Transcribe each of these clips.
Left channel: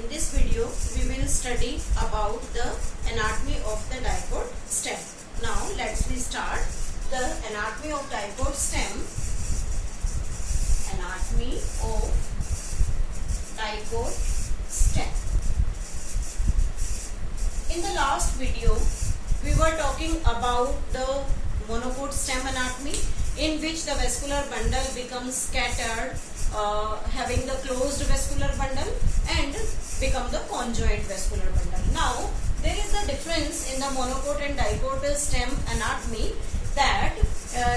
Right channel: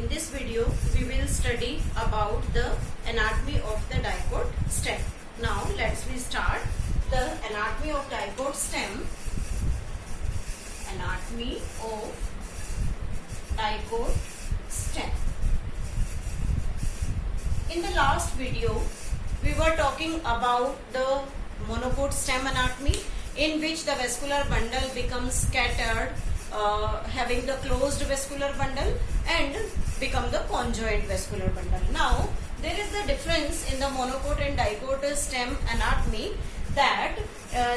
In this video, we will study about the anatomy of the dipod stem. Now, let's start the anatomy of dipod stem. Anatomy of dipod stem. In the last video, we were talking about the monopod stem anatomy, in which the vascular bundle becomes scattered, having the closed vascular bundle and become the conjoint vascular bundle. Now, there is a difference in the monopod and dipod stem anatomy, that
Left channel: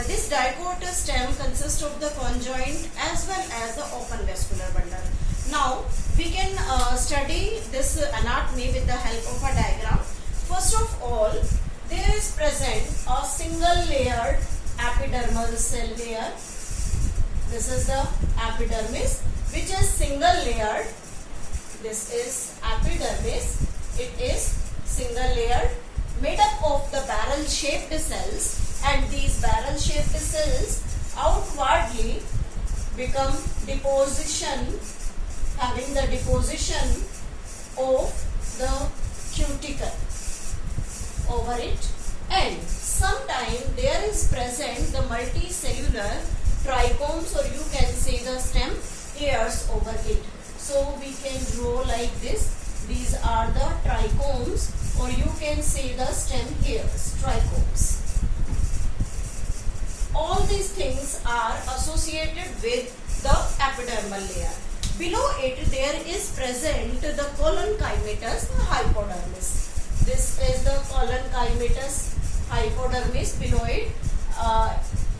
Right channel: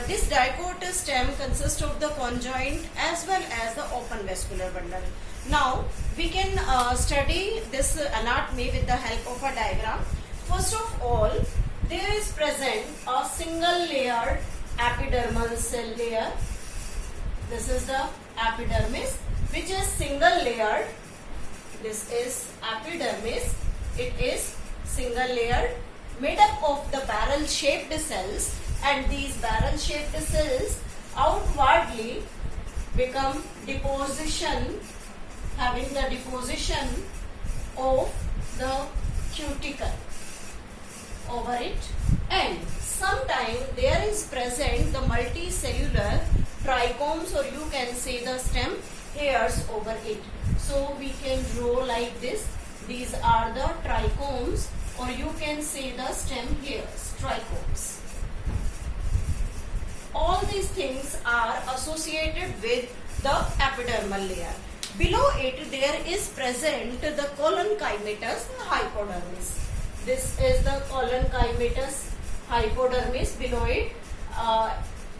this dipod stem consists of the conjoint as well as the open vascular bundle. Now, we can study this anatomy with the help of a diagram. First of all, there is present a single layered epidermal cell layer. This is the epidermis, which is single layered. This is epidermis. It is single layered, made up of the barrel shaped cells, and these barrel shaped cells outwardly become deposition, having the deposition of the cuticle over it, and sometime there is present the multicellular trichomes, or you can say the stem hairs over it. So we can draw like this. These are the trichomes, or you can say the stem hairs, trichomes. All these things are associated with the epidermal layer. Below it there is present the collenchymatous hypodermis. This is the collenchymatous hypodermis. Below it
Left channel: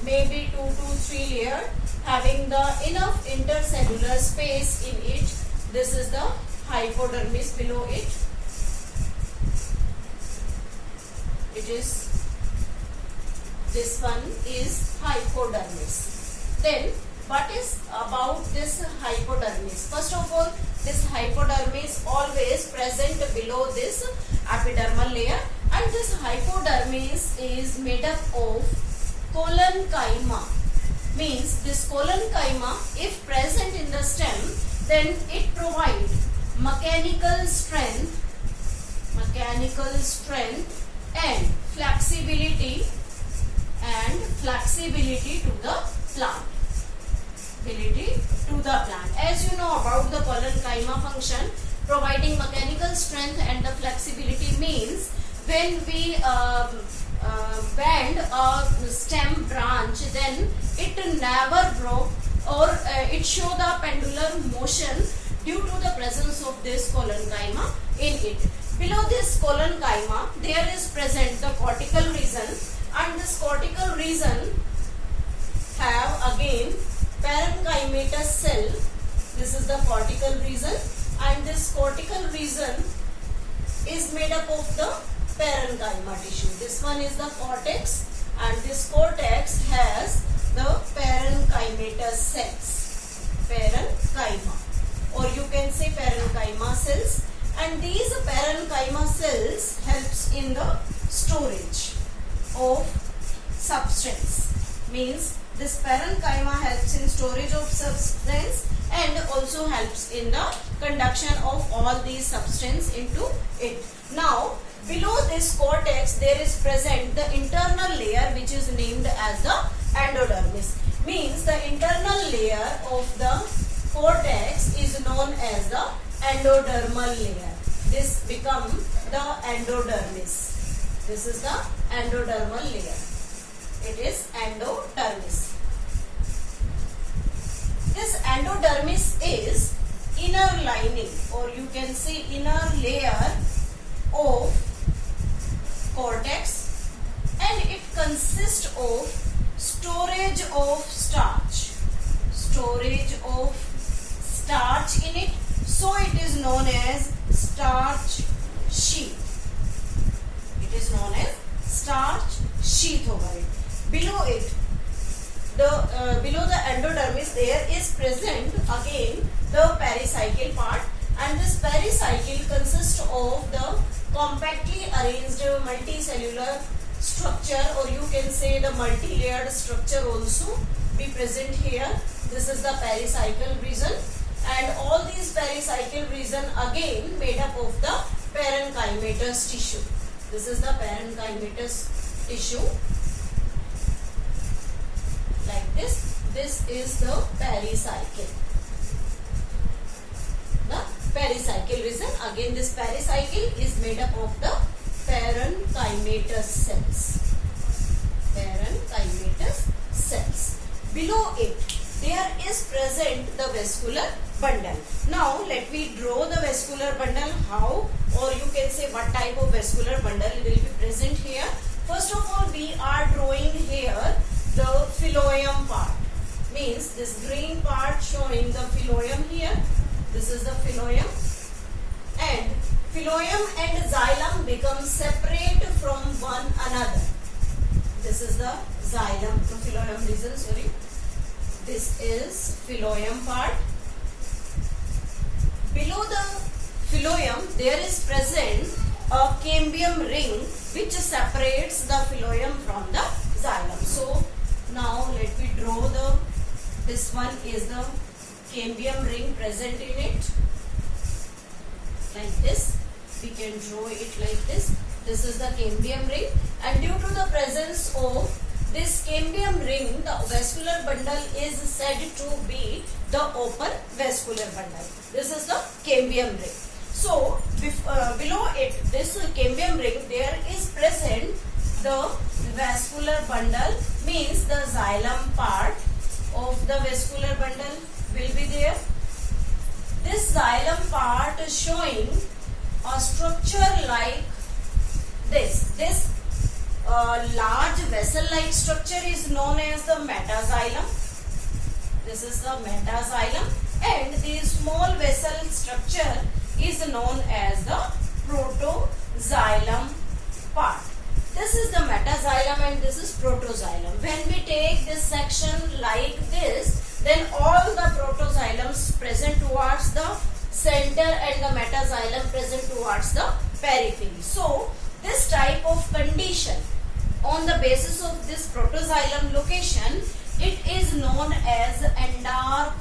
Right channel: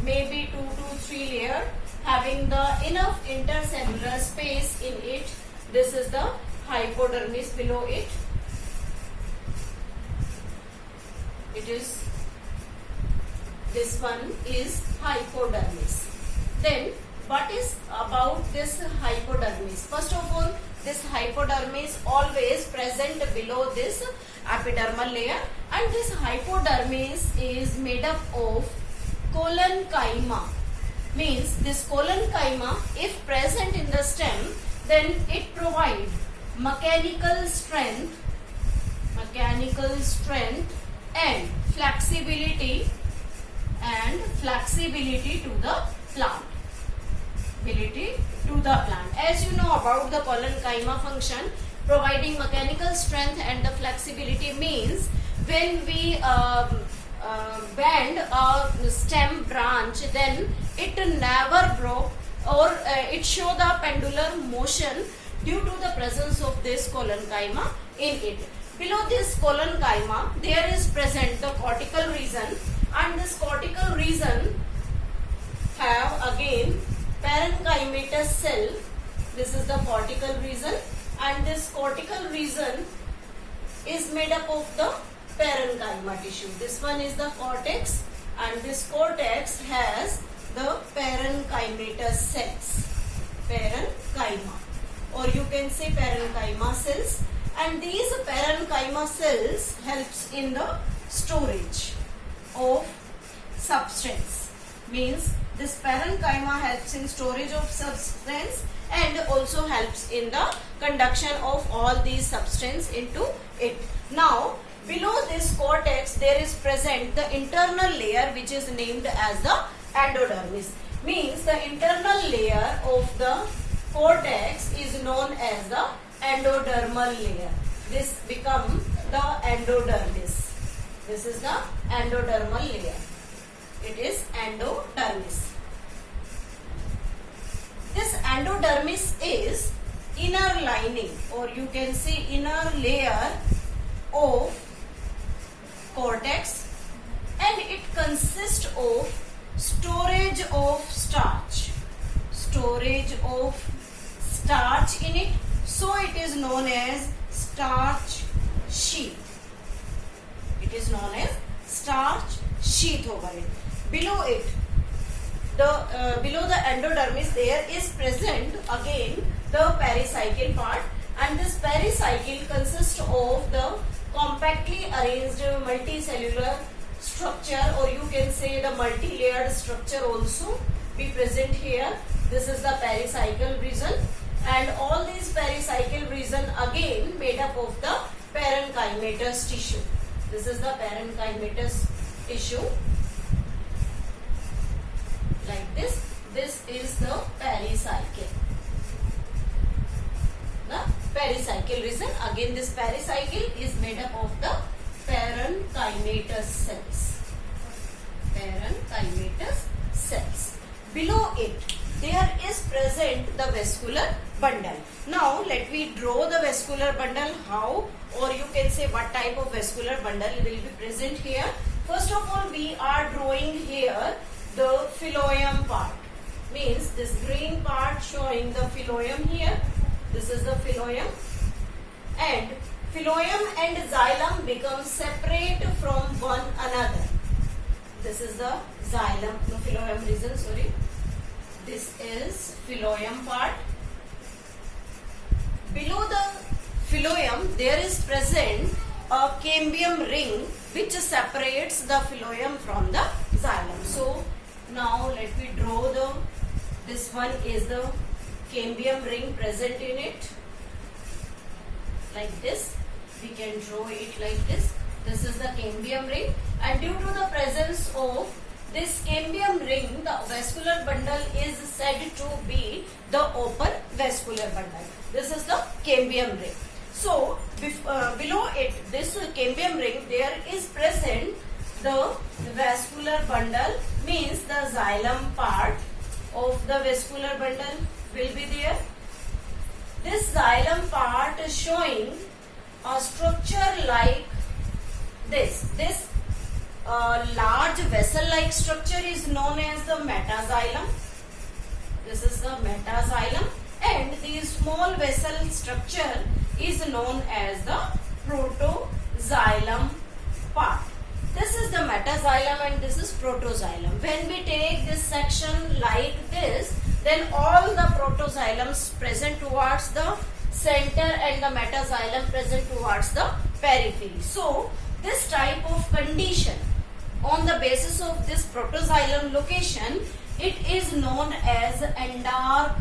maybe 2 to 3 layer, having the enough intercellular space in it. This is the hypodermis below it. It is, this one is hypodermis. Then what is about this hypodermis? First of all, this hypodermis always present below this epidermal layer, and this hypodermis is made up of collenchyma. Means this collenchyma, if present in the stem, then it provides mechanical strength and flexibility to the plant. As you know about the collenchyma function, providing mechanical strength and the flexibility means when we bend a stem branch, then it never broke, or it show the pendular motion due to the presence of this collenchyma in it. Below this collenchyma there is present the cortical region, and this cortical region have again parenchymatous cell. This is the cortical region, and this cortical region is made up of the parenchyma tissue. This one is the cortex, and this cortex has the parenchymatous cells, parenchyma, or you can say parenchyma cells, and these parenchyma cells helps in the storage of substance. Means this parenchyma helps in storage of substance and also helps in the conduction of all these substance into it. Now, below this cortex there is present the internal layer, which is named as the endodermis. Means the internal layer of the cortex is known as the endodermal layer. This becomes the endodermis. This is the endodermal layer. It is endodermis. This endodermis is inner lining, or you can say inner layer of cortex, and it consists of storage of starch. Storage of starch in it. So it is known as starch sheath. It is known as starch sheath over it. Below it, below the endodermis there is present again the pericycle part, and this pericycle consists of the compactly arranged multicellular structure, or you can say the multi-layered structure also be present here. This is the pericycle region, and all these pericycle region region again made up of the parenchymatous tissue. This is the parenchymatous tissue like this. This is the pericycle. The pericycle region. Again, this pericycle is made up of the parenchymatous cells. Parenchymatous cells. Below it, there is present the vascular bundle. Now, let me draw the vascular bundle. How, or you can say what type of vascular bundle will be present here. First of all, we are drawing here the phloem part. Means this green part showing the phloem here. This is the phloem, and phloem and xylem become separate from one another. This is the xylem, no, phloem region, sorry. This is phloem part. Below the phloem there is present a cambium ring which separates the phloem from the xylem. So now let me draw this one is the cambium ring present in it like this. We can draw it like this. This is the cambium ring, and due to the presence of this cambium ring, the vascular bundle is said to be the open vascular bundle. This is the cambium ring. So below it, this cambium ring, there is present the vascular bundle, means the xylem part of the vascular bundle will be there. This xylem part is showing a structure like this. This large vessel-like structure is known as the metaxylem. This is the metaxylem, and the small vessel structure is known as the protoxylem part. This is the metaxylem and this is protoxylem. When we take this section like this, then all the protoxylems present towards the center and the metaxylem present towards the periphery. So this type of condition, on the basis of this protoxylem location, it is known as endark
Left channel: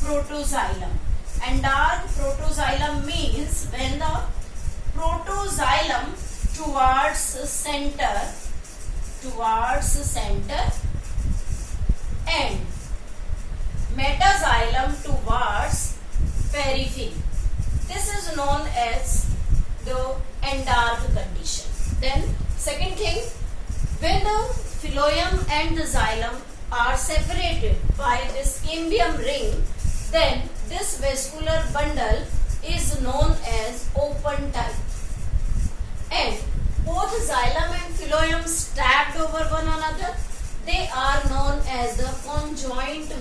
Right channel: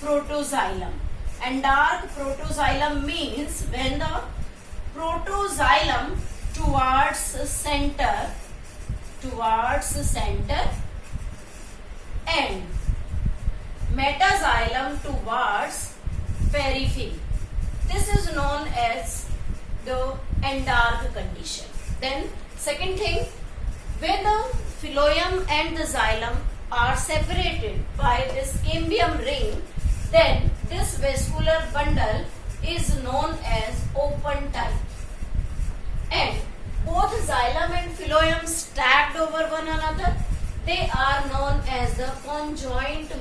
protoxylem. Endark protoxylem means when the protoxylem towards center and metaxylem towards periphery. This is known as the endark condition. Then second thing, when the phloem and the xylem are separated by this cambium ring, then this vascular bundle is known as open type. And both xylem and phloem stacked over one another, they are known as the conjoint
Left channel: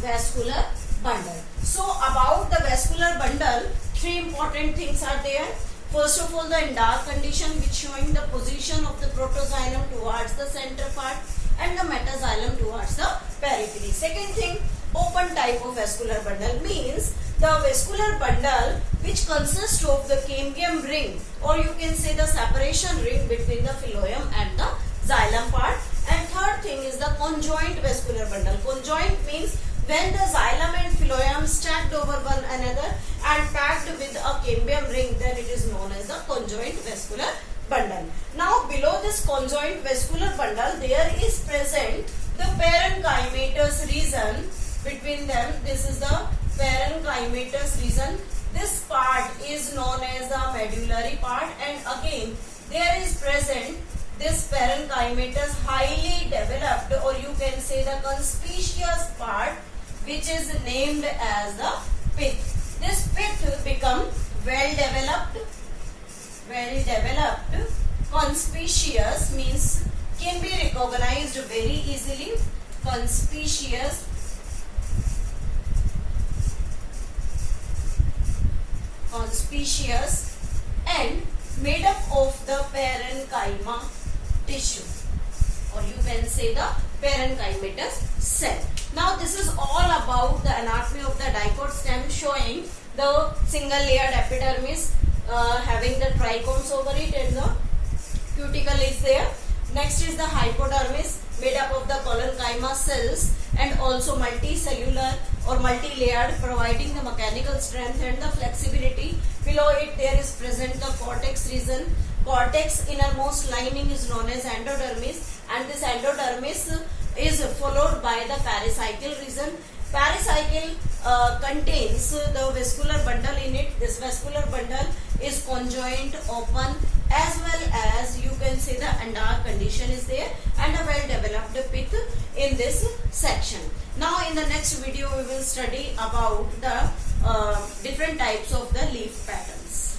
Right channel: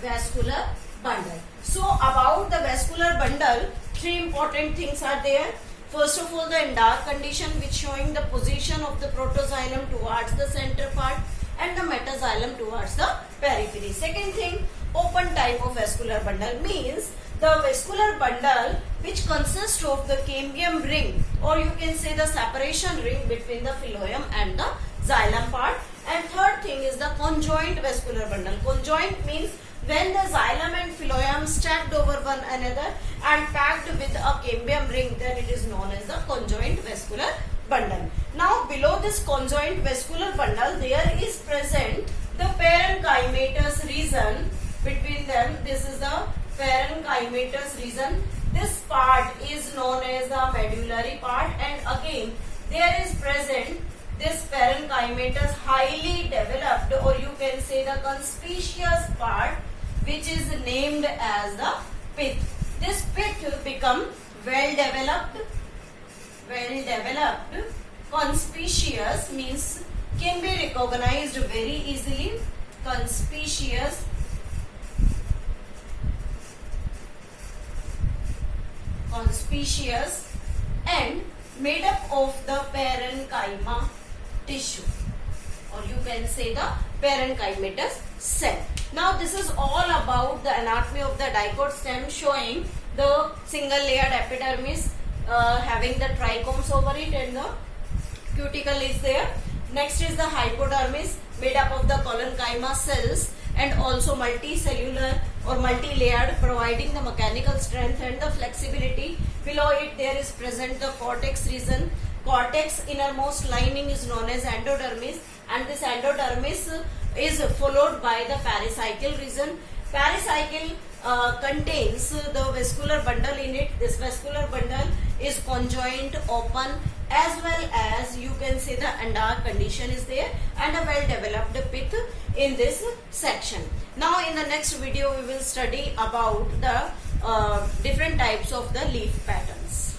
vascular bundle. So about the vascular bundle, three important things are there. First of all, the endark condition, which showing the position of the protoxylem towards the center part and the metaxylem towards the periphery. Second thing, open type of vascular bundle means the vascular bundle which consists of the cambium ring, or you can say the separation ring between the phloem and the xylem part. And third thing is the conjoint vascular bundle. Conjoint means when the xylem and phloem stacked over one another and packed with a cambium ring, then it is known as the conjoint vascular bundle. Now below this conjoint vascular bundle, there is present the parenchymatous region between them. This is the parenchymatous region. This part is known as the medullary part, and again there is present this parenchymatous highly developed, or you can say the conspicuous part, which is named as the pith. This pith become well developed, conspicuous means can be recognized very easily, conspicuous, and made up of the parenchyma tissue, or you can say the parenchymatous cell. Now this is all about the anatomy of the dicot stem, showing the single layered epidermis having the trichomes over it, and the cuticle is there. Next is the hypodermis made up of the collenchyma cells and also multicellular or multi-layered, providing the mechanical strength and the flexibility. Below it there is present the cortex region. Cortex innermost lining is known as endodermis, and this endodermis is followed by the pericycle region. Pericycle contains the vascular bundle in it. This vascular bundle is conjoint, open, as well as you can say the Andar condition is there, and a well developed pith in this section. Now in the next video we will study about the different types of the leaf patterns.